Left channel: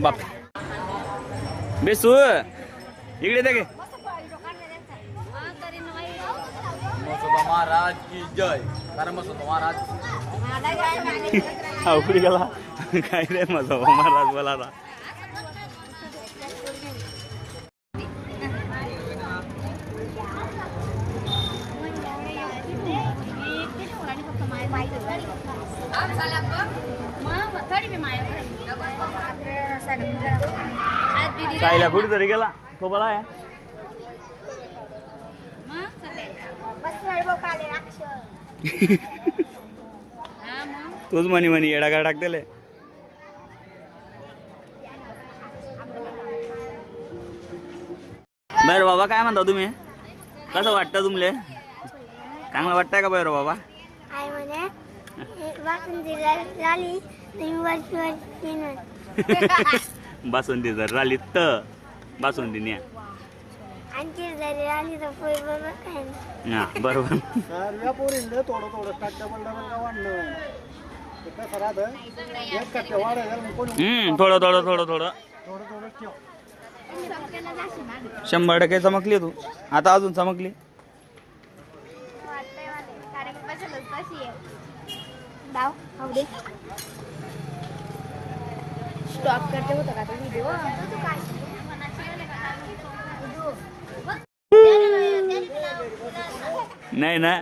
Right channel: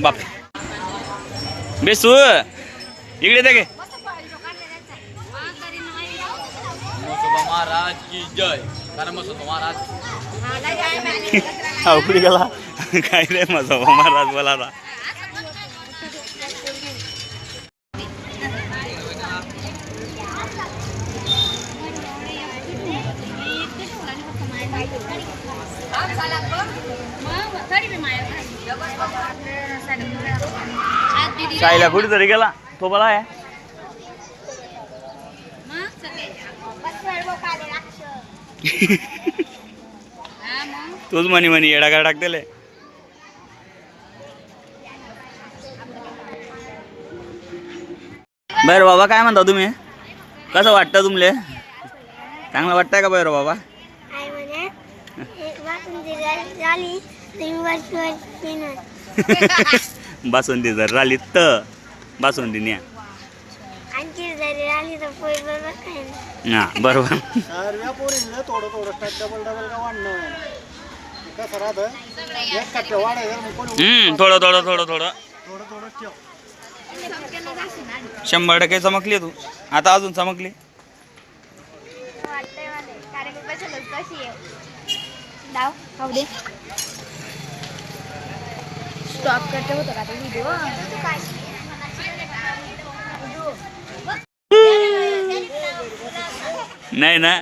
बाप बेसू इकडे ते महाराज की जय कारण मसोबा महाराज उकडी गेला. काय रे माझा महाराज बोला ना साईला कुठे तरी गेला. तो बोला आहे. तूच म्हणी म्हणी येडा काय टाकतेले बरं बाबा काय म्हणता तुम्ही? कसं वाटतं तुमले? चांगलं वाटतंय का बर बाबा? बासुंदी जर राली तर बासुंदी न्या. हा बरोबर. थोडं थोडं थोडं थोडं. शंभर टक्के चमकली तू. आता अजून चमकली? नाही ना?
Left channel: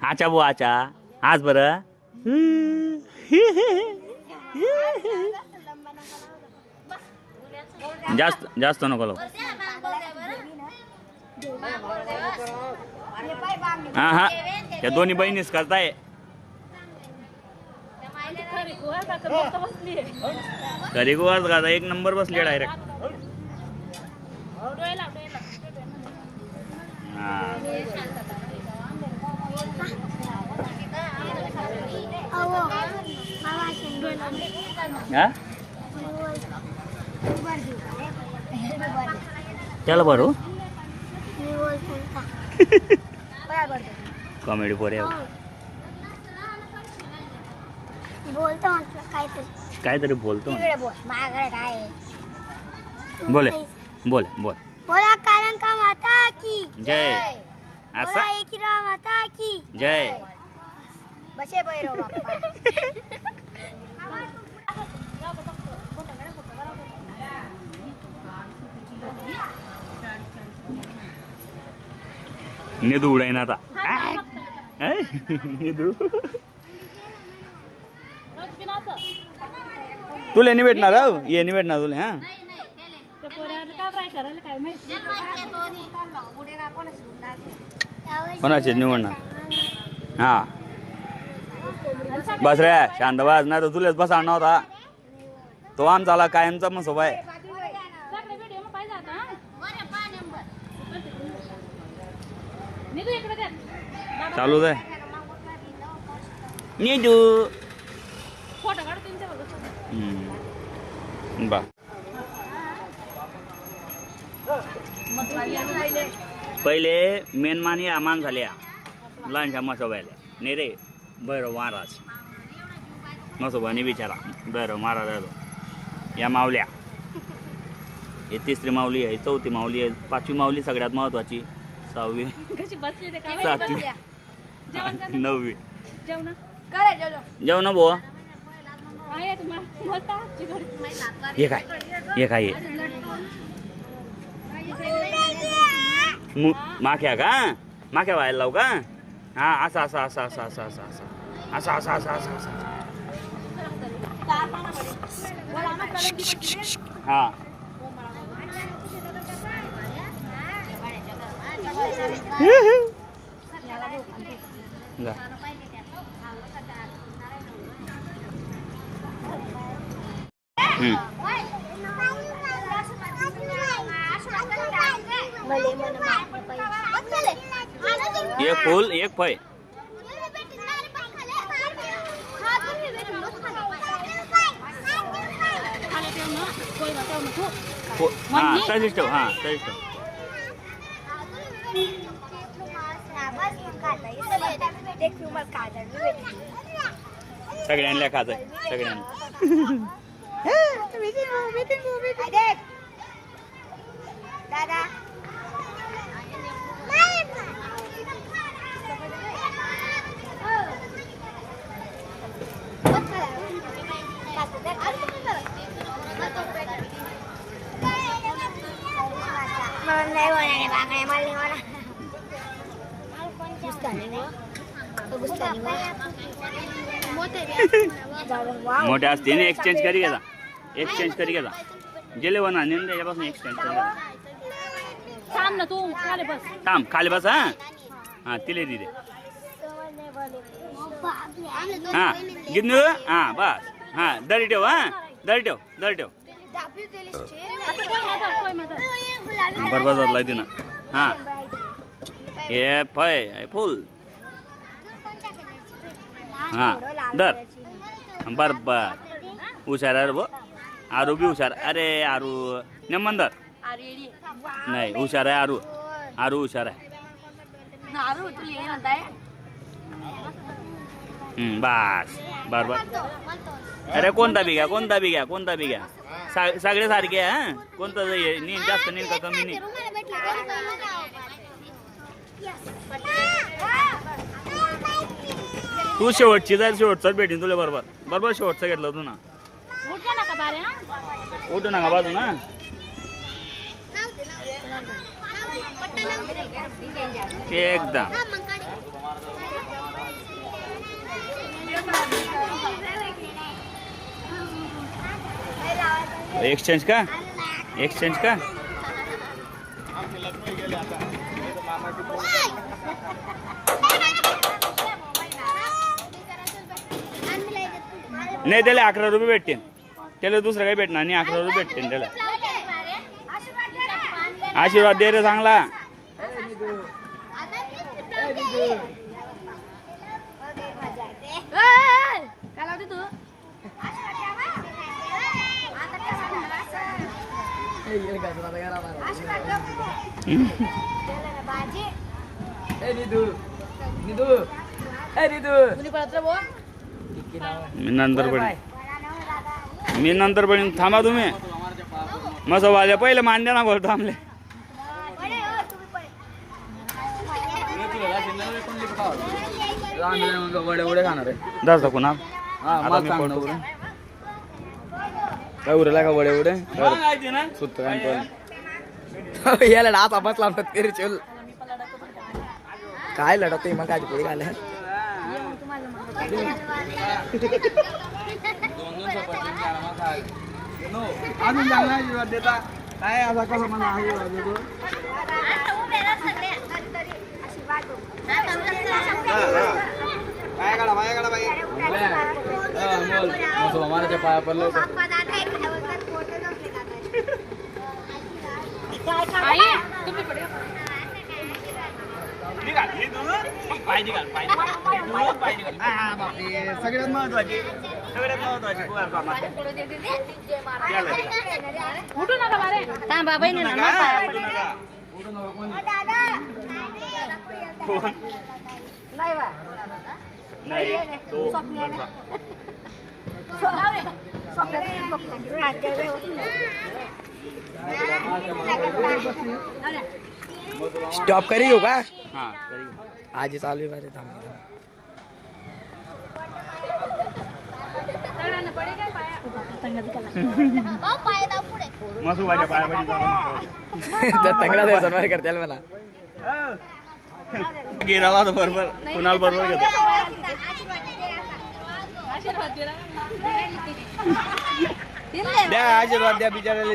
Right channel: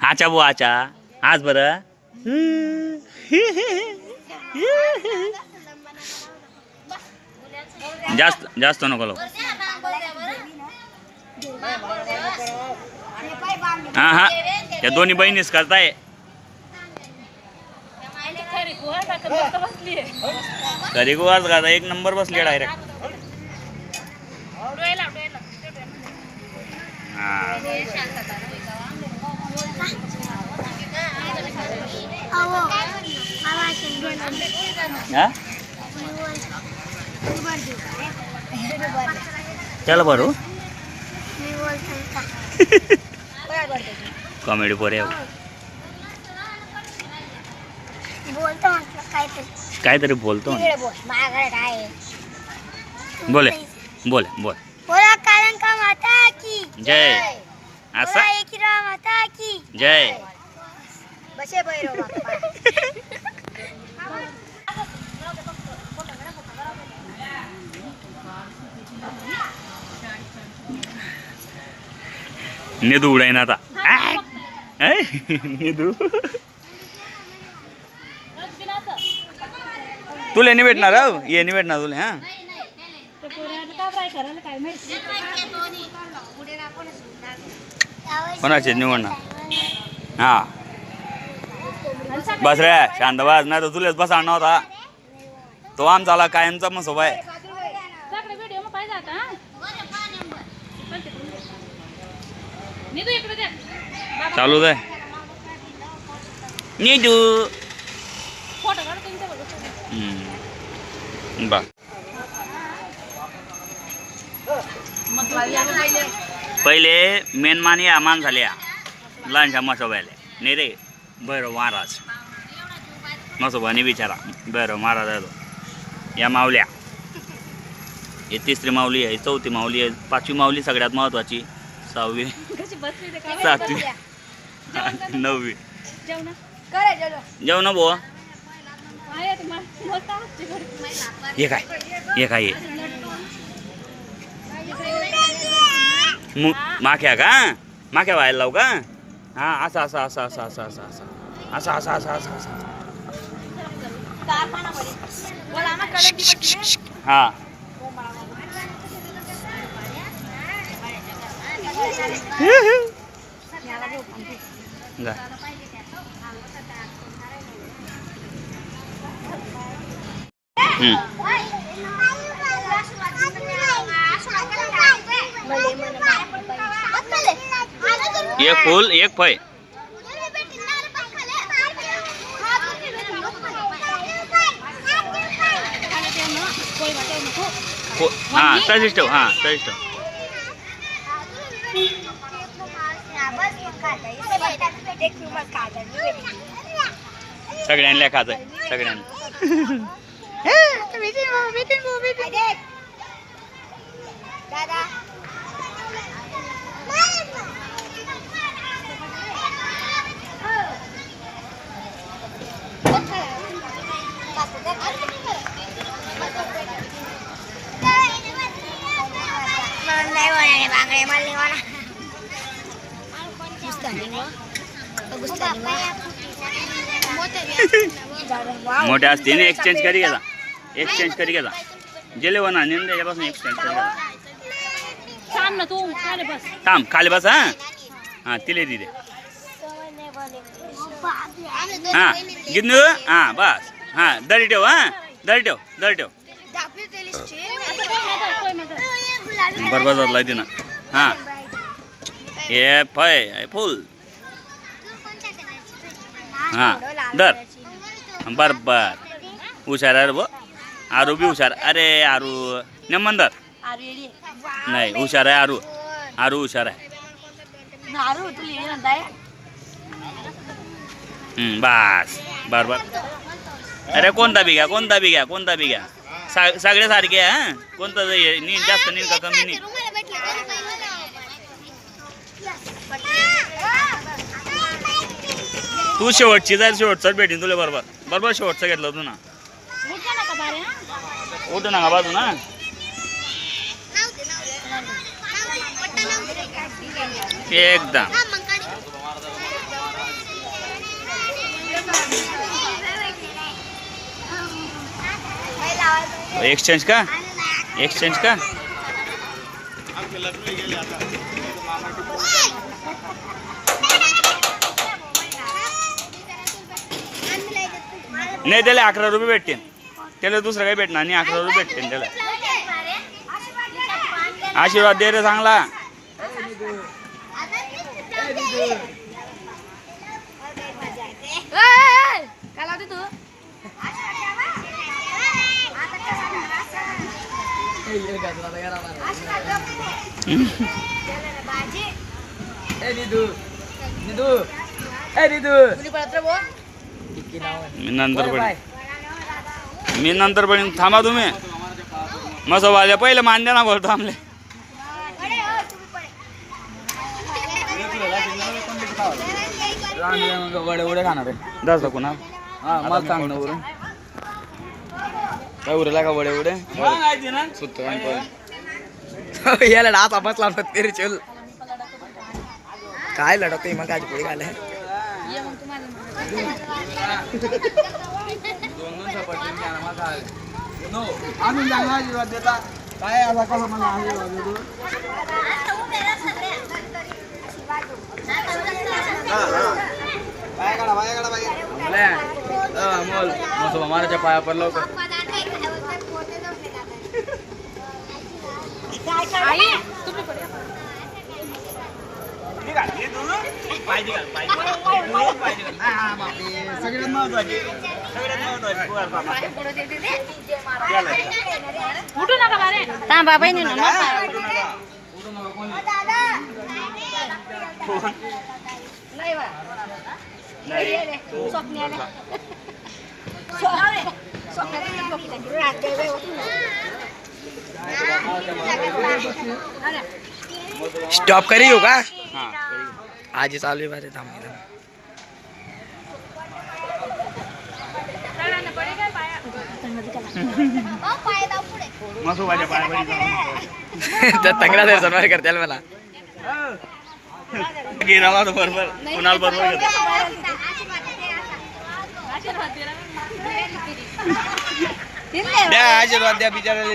आचा बो आचा. आज बरं. जास्त जास्त नको लावू. हा हा. या दोन्ही बहिणीच करताय. घरी गोवाच गाता एक नंबर बसली डायरेक्ट. हा. ચાલો બરું કોમેડી પર એવું काहीतरी बोलतो बोले बोले बोल बोला कारण का माता की जय असा? जय. निधू उडाय ना आता. निधू तुला नाही भेटणार ये नाही भेटणार तुला हा? कोणाचे निवडणार हा. बस रे शांत बस नाही तर तुलाच बस आणणार होता. तो आमचा आला कायमचा मग सोबा आहे. चालूच आहे नीटू बा. पहिले मेनमानी आमान झाल्या. लहानशा मसोबायले नाही रे बरं महाराज. मसोबाने विचारा बरं महाराज आहे या मावल्या हे तिसरी माऊली आहे चौथी माऊली आहे पाचवी माऊली सगळ्यात महत्त्वाची सहावी. सातवी. नववी नववी. जेवण भाऊ? हे काय? हे काय मु- माख्या का? माख्या व्हायला लावू का? हा असं असं असं असं असं असं असं. असं असं असं असं असं. हा. जा. हम्म. એક ફૂલ એક ફઈ. હા ત્રણ સ્ટવ હા ત્રણ સ્ટવ सगळ्यांना खात आहे सगळ्यांना बांगड्या मला मोठे असते एक्सचेंज करी घ्या एक्सचेंज करी घ्या गेले वना नेन त्याच्यापासून एक्सचेंज करी घ्या थांब ना तू खाली बस. थांब खाली बस हां? हां तिले दिले हां गिन्नू हां बस. हां दरी ठेव हां? दरी ठेव दरी ठेव. आता कोण म्हणतात कोण म्हणतात बरोबर झालं तिनं हां हे फय फुल हां दर बर बर हुशार आहे रे बो आरू बी हुशार अरे आरू नेमंदर नाही हुशार आहे अरे कोणता बी घ्या कोणता बी घ्या कोणता बी घ्या. सगळे सारखे आहे कोणता नीट जास्त नीन का कमी नीट तू शेवटची जाईल शेवटचाच भेटीन तुला बरोबर. बरोबर शेवटचं घेतलं तू ना. उठू नका बाजू ना एकदम. एक्सचेंज का? एक्सचेंज का? नाही त्याला अकरा रुपये भेटतील. त्याला दुसरं काही भेटणार नाही अकरा रुपये भेटतील त्याला. आशीर्वाद दे रे चांगला काय लावते तू कुणी पळत रे बुवा? मी नंतर पण मी नंतर पण थांबा तुम्ही. मग वाजे पहिले मान्य ना बोलतो थांबले. वडे वडे खाणार आहे. जास्त कुणा हा मला सांग ना बरं काय उरला का वडे वडे सुत्त याला डास आपस लावतात तेरे चल काय लढवते मग काय पुढे देता काय असा कसा मला आशीर्वाद देतो पाया काढा पाया काढा पाया मोल मग माराच्या पाया पडलो आई तुम्ही पुढे. सगळ्यात महत्वाची. सगळ्यात महत्वाची. उठू नका बारे. थांबा बहिणी ना मग पाया पडू. नाही बा. नाही, ये रे. स्वप्नी आले. स्व- स्वप्नात बघू नका. स्टॉप करी हो का? हां. आज चालू आहे बारे थांब तर. तंगडा जर सन्मान करताल मला. गिराला तो बरोबर. कुणाला बरोबर घेतो. द्या आशीर्वाद द्या बिचारायला